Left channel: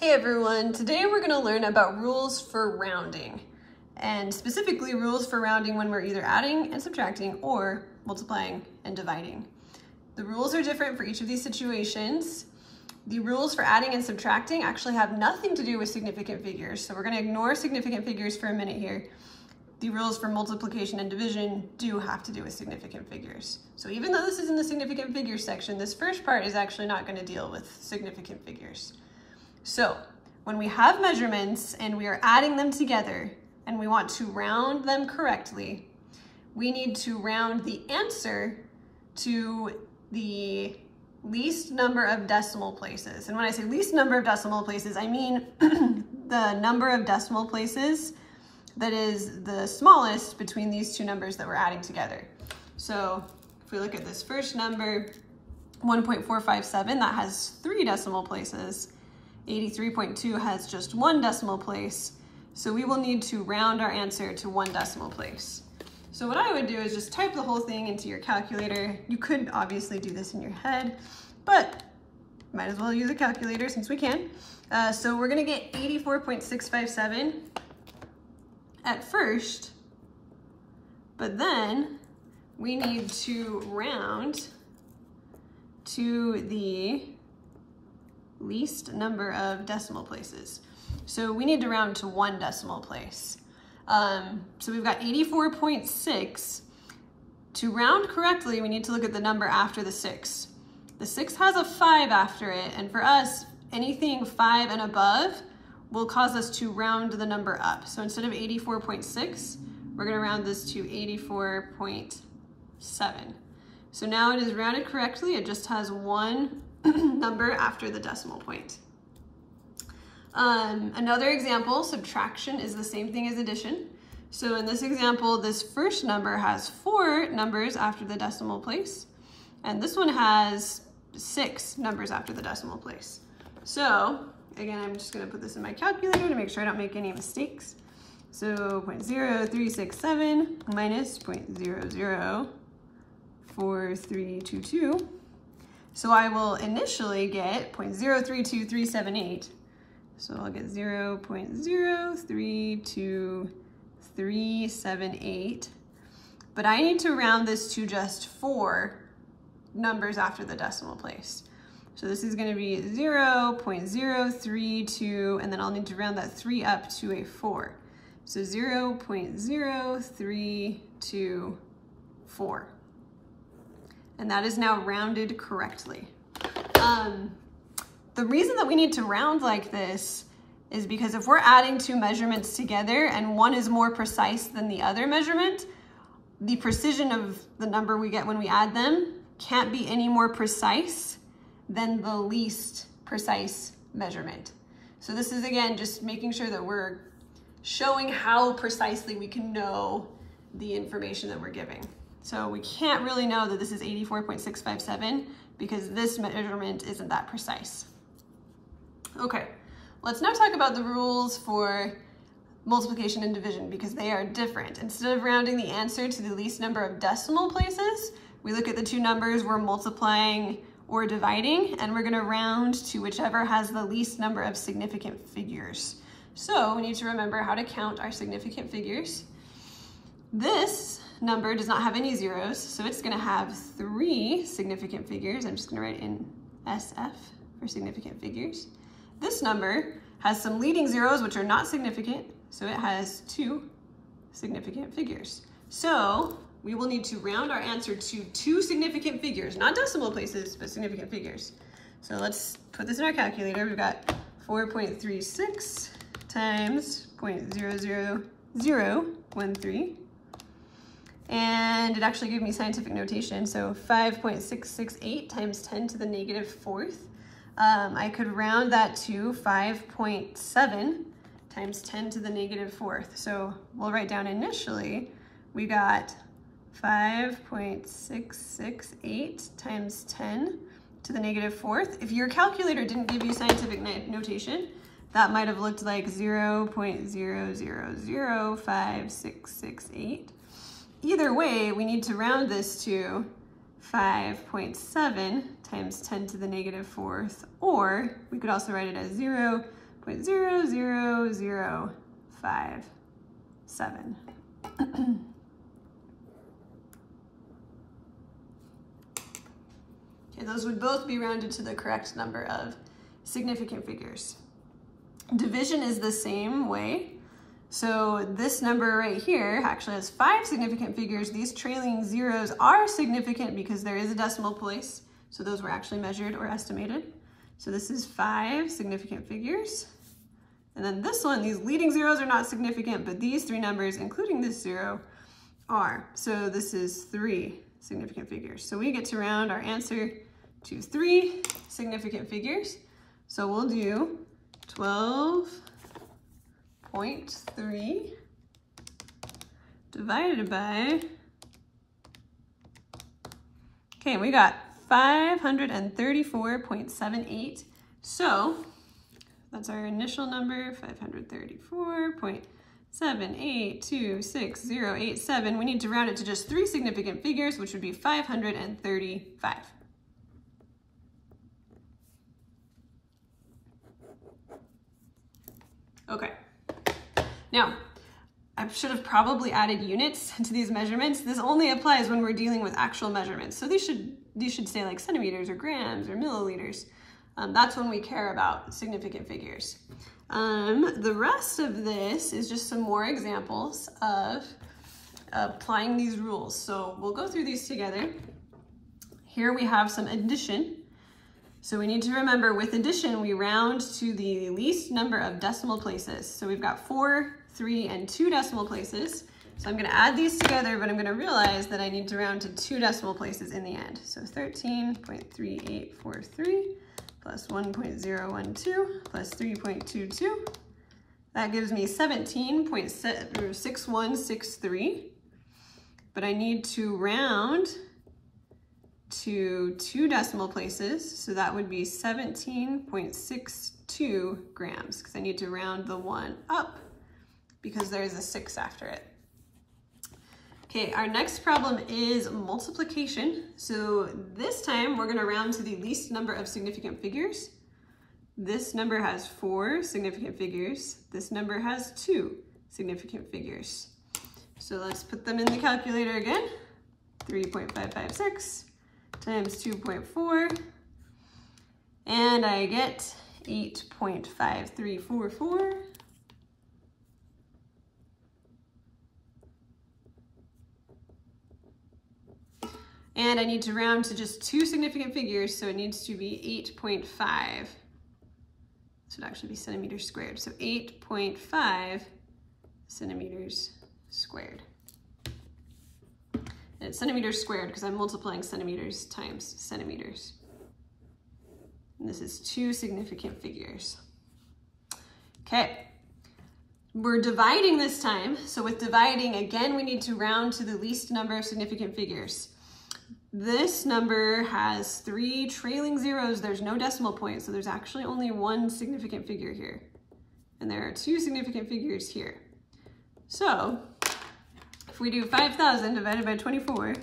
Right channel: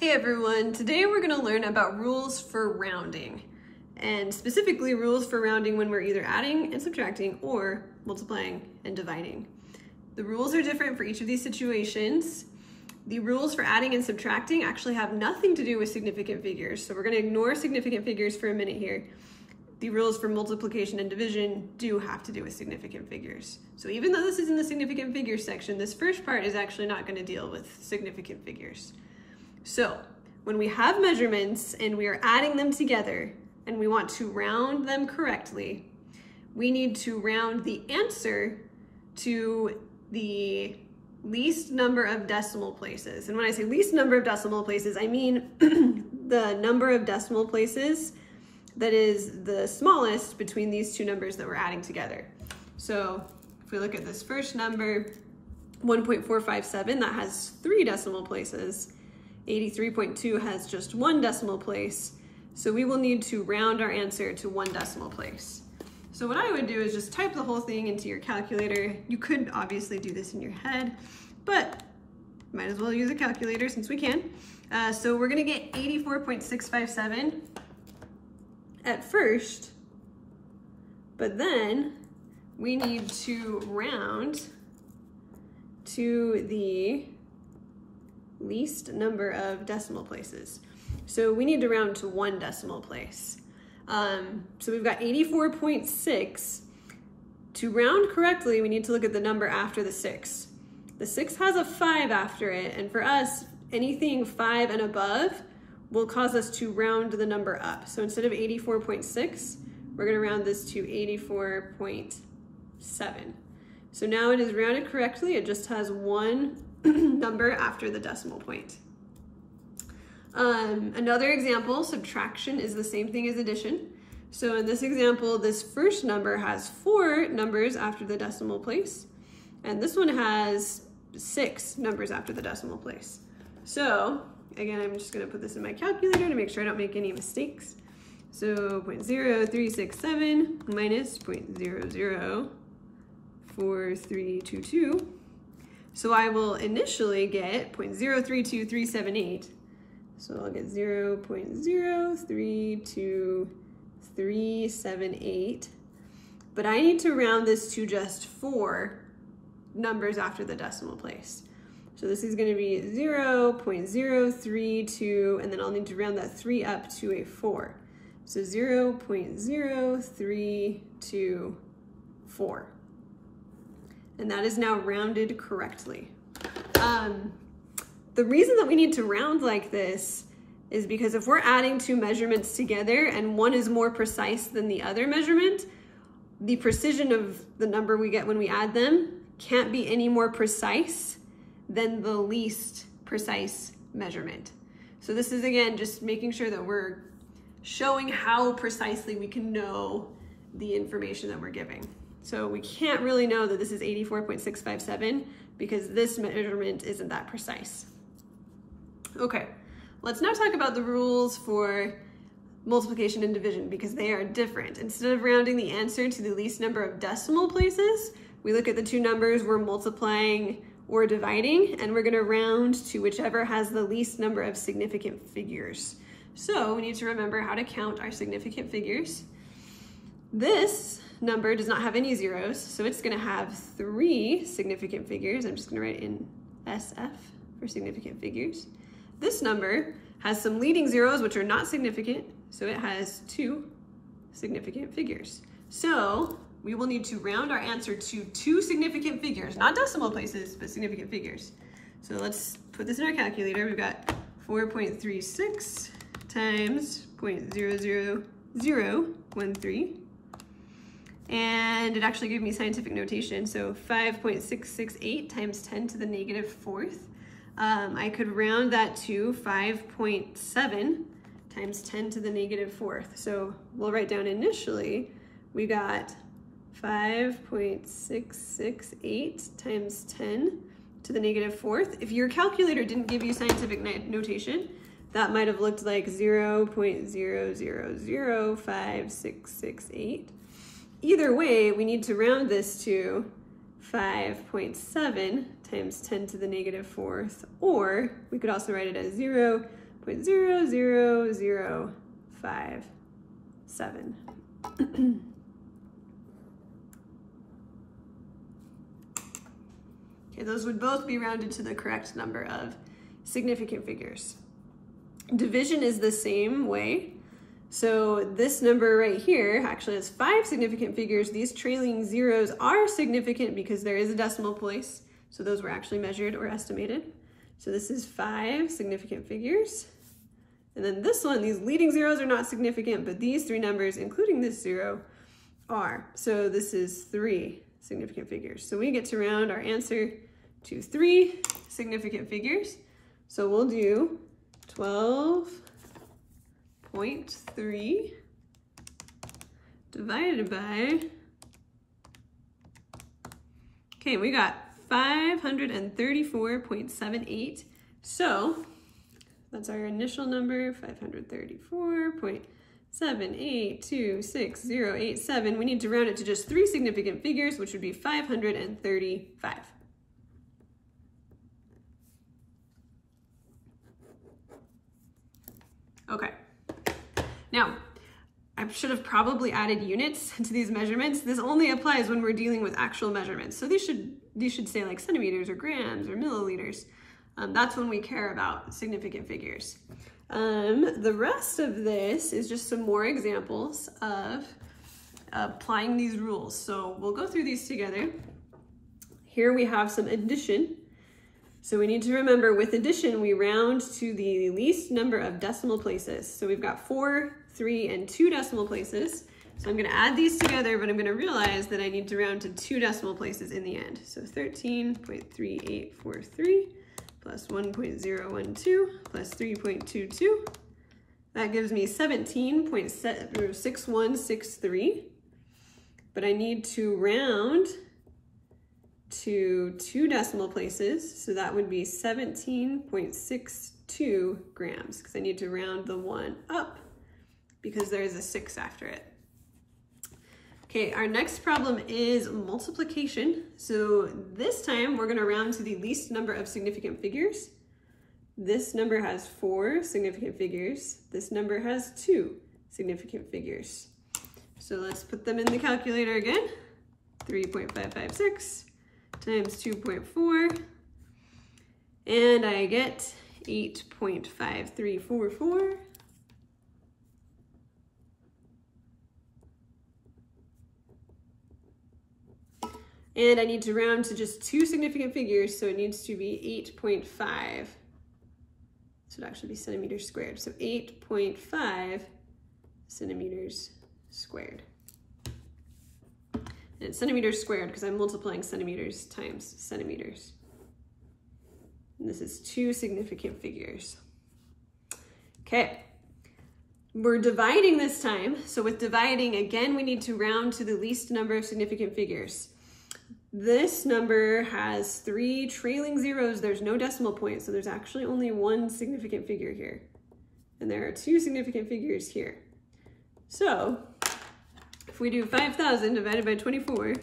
Hey everyone, today we're going to learn about rules for rounding, and specifically rules for rounding when we're either adding and subtracting or multiplying and dividing. The rules are different for each of these situations. The rules for adding and subtracting actually have nothing to do with significant figures, so we're going to ignore significant figures for a minute here. The rules for multiplication and division do have to do with significant figures. So even though this is in the significant figures section, this first part is actually not going to deal with significant figures. So when we have measurements and we are adding them together and we want to round them correctly, we need to round the answer to the least number of decimal places. And when I say least number of decimal places, I mean the number of decimal places that is the smallest between these two numbers that we're adding together. So if we look at this first number, 1.457, that has 3 decimal places. 83.2 has just 1 decimal place. So we will need to round our answer to 1 decimal place. So what I would do is just type the whole thing into your calculator. You could obviously do this in your head, but might as well use a calculator since we can. So we're gonna get 84.657 at first, but then we need to round to the least number of decimal places. So we need to round to 1 decimal place. So we've got 84.6. To round correctly, we need to look at the number after the 6. The 6 has a 5 after it, and for us, anything 5 and above will cause us to round the number up. So instead of 84.6, we're gonna round this to 84.7. So now it is rounded correctly. It just has 1 number after the decimal point. Another example, subtraction is the same thing as addition. So in this example, this first number has 4 numbers after the decimal place, and this one has 6 numbers after the decimal place. So again, I'm just gonna put this in my calculator to make sure I don't make any mistakes. So 0.0367 minus 0.004322. So I will initially get 0.032378. So I'll get 0.032378. But I need to round this to just 4 numbers after the decimal place. So this is going to be 0.032, and then I'll need to round that 3 up to a 4. So 0.0324. And that is now rounded correctly. The reason that we need to round like this is because if we're adding 2 measurements together and one is more precise than the other measurement, the precision of the number we get when we add them can't be any more precise than the least precise measurement. So this is, again, just making sure that we're showing how precisely we can know the information that we're giving. So we can't really know that this is 84.657 because this measurement isn't that precise. Okay, let's now talk about the rules for multiplication and division because they are different. Instead of rounding the answer to the least number of decimal places, we look at the 2 numbers we're multiplying or dividing, and we're gonna round to whichever has the least number of significant figures. So we need to remember how to count our significant figures. This number does not have any zeros, so it's gonna have 3 significant figures. I'm just gonna write in SF for significant figures. This number has some leading zeros, which are not significant, so it has 2 significant figures. So we will need to round our answer to 2 significant figures, not decimal places, but significant figures. So let's put this in our calculator. We've got 4.36 times 0.00013. And it actually gave me scientific notation, so 5.668 times 10 to the negative 4th. I could round that to 5.7 times 10 to the negative 4th. So we'll write down initially, we got 5.668 times 10 to the negative 4th. If your calculator didn't give you scientific notation, that might have looked like 0.0005668. Either way, we need to round this to 5.7 times 10 to the negative 4th, or we could also write it as 0 0.00057. Okay, those would both be rounded to the correct number of significant figures. Division is the same way. So this number right here actually has 5 significant figures. These trailing zeros are significant because there is a decimal place. So those were actually measured or estimated. So this is 5 significant figures. And then this one, these leading zeros are not significant, but these 3 numbers, including this 0, are. So this is 3 significant figures. So we get to round our answer to 3 significant figures. So we'll do 12.3 divided by, okay, we got 534.78. So that's our initial number, 534.7826087. We need to round it to just 3 significant figures, which would be 535. Okay, now I should have probably added units to these measurements. This only applies when we're dealing with actual measurements. So these should say like centimeters or grams or milliliters. That's when we care about significant figures. The rest of this is just some more examples of applying these rules. So we'll go through these together. Here we have some addition. So we need to remember with addition, we round to the least number of decimal places. So we've got 4, 3, and 2 decimal places. So I'm gonna add these together, but I'm gonna realize that I need to round to 2 decimal places in the end. So 13.3843 plus 1.012 plus 3.22. That gives me 17.6163. But I need to round to 2 decimal places, so that would be 17.62 grams, because I need to round the 1 up because there's a 6 after it. Okay, our next problem is multiplication. So this time we're gonna round to the least number of significant figures. This number has 4 significant figures. This number has 2 significant figures. So let's put them in the calculator again. 3.556 times 2.4, and I get 8.5344. And I need to round to just 2 significant figures, so it needs to be 8.5. This would actually be centimeters squared. So 8.5 centimeters squared. And it's centimeters squared because I'm multiplying centimeters times centimeters. And this is 2 significant figures. Okay, we're dividing this time. So with dividing, again, we need to round to the least number of significant figures. This number has 3 trailing zeros. There's no decimal point, so there's actually only 1 significant figure here. And there are 2 significant figures here. So if we do 5,000 divided by 24,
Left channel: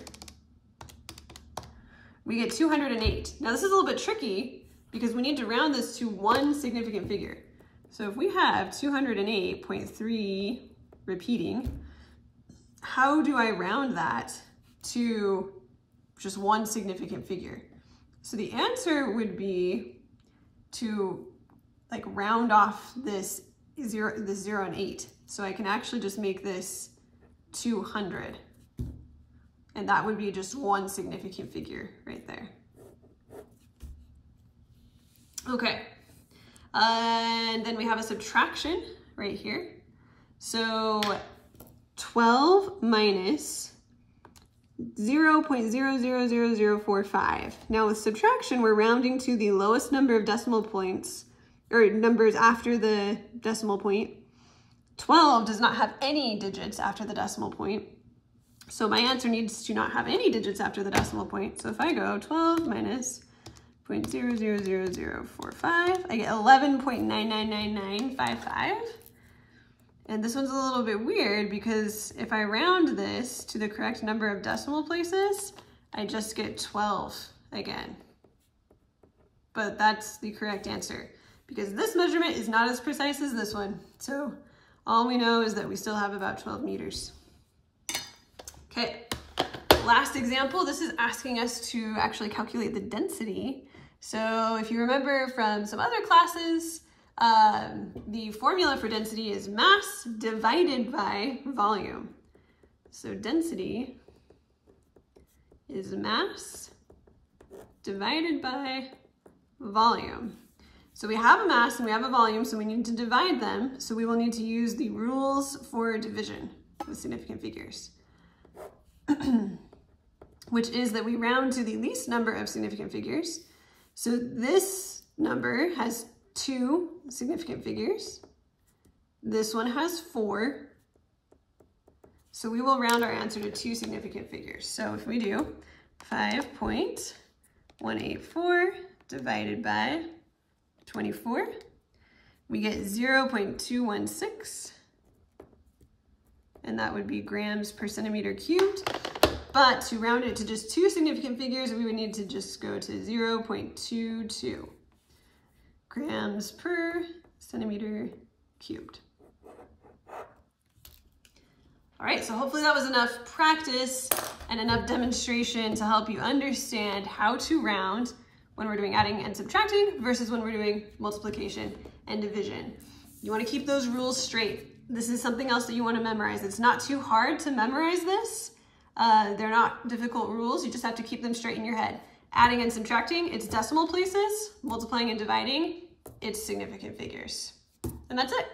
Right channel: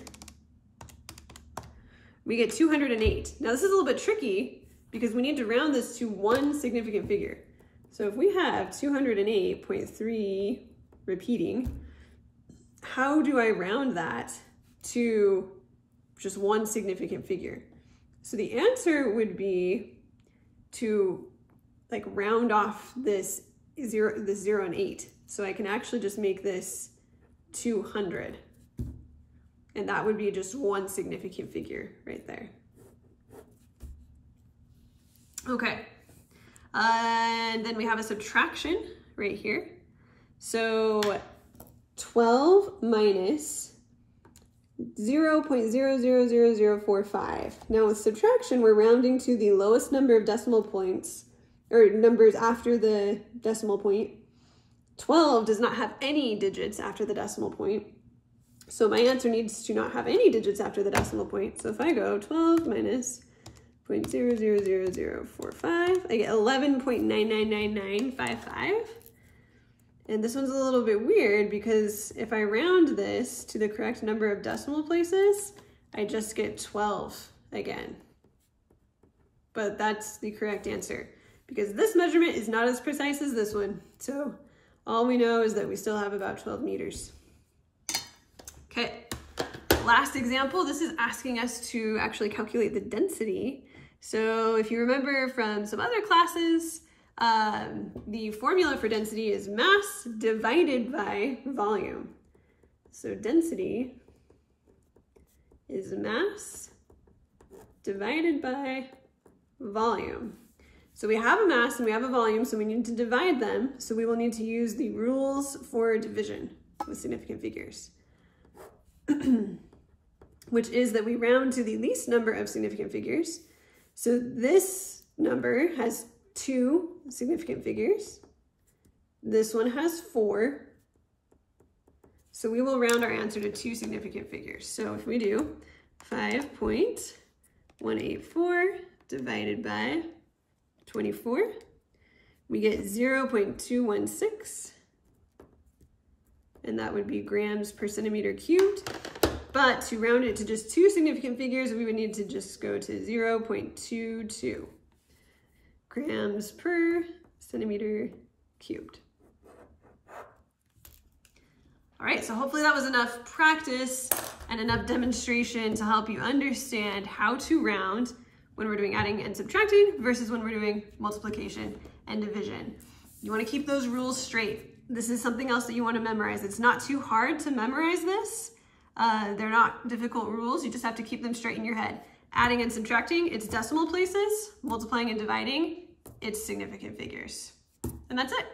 we get 208. Now this is a little bit tricky because we need to round this to 1 significant figure. So if we have 208.3 repeating, how do I round that to just 1 significant figure? So the answer would be to like round off this 0 and 8. So I can actually just make this 200. And that would be just 1 significant figure right there. Okay. And then we have a subtraction right here. So 12 minus 0.000045. Now with subtraction, we're rounding to the lowest number of decimal points, or numbers after the decimal point. 12 does not have any digits after the decimal point. So my answer needs to not have any digits after the decimal point. So if I go 12 minus 0.000045, I get 11.999955. And this one's a little bit weird because if I round this to the correct number of decimal places, I just get 12 again. But that's the correct answer. because this measurement is not as precise as this one. So all we know is that we still have about 12 meters. Okay, last example, this is asking us to actually calculate the density. So if you remember from some other classes, the formula for density is mass divided by volume. So density is mass divided by volume. So we have a mass and we have a volume, so we need to divide them. So we will need to use the rules for division with significant figures, which is that we round to the least number of significant figures. So this number has 2 significant figures. This one has 4. So we will round our answer to 2 significant figures. So if we do 5.184 divided by 24, we get 0.216, and that would be grams per centimeter cubed. But to round it to just 2 significant figures, we would need to just go to 0.22 grams per centimeter cubed. All right, so hopefully that was enough practice and enough demonstration to help you understand how to round when we're doing adding and subtracting versus when we're doing multiplication and division. You want to keep those rules straight. This is something else that you want to memorize. It's not too hard to memorize this. They're not difficult rules. You just have to keep them straight in your head. Adding and subtracting, it's decimal places. Multiplying and dividing, it's significant figures. And that's it.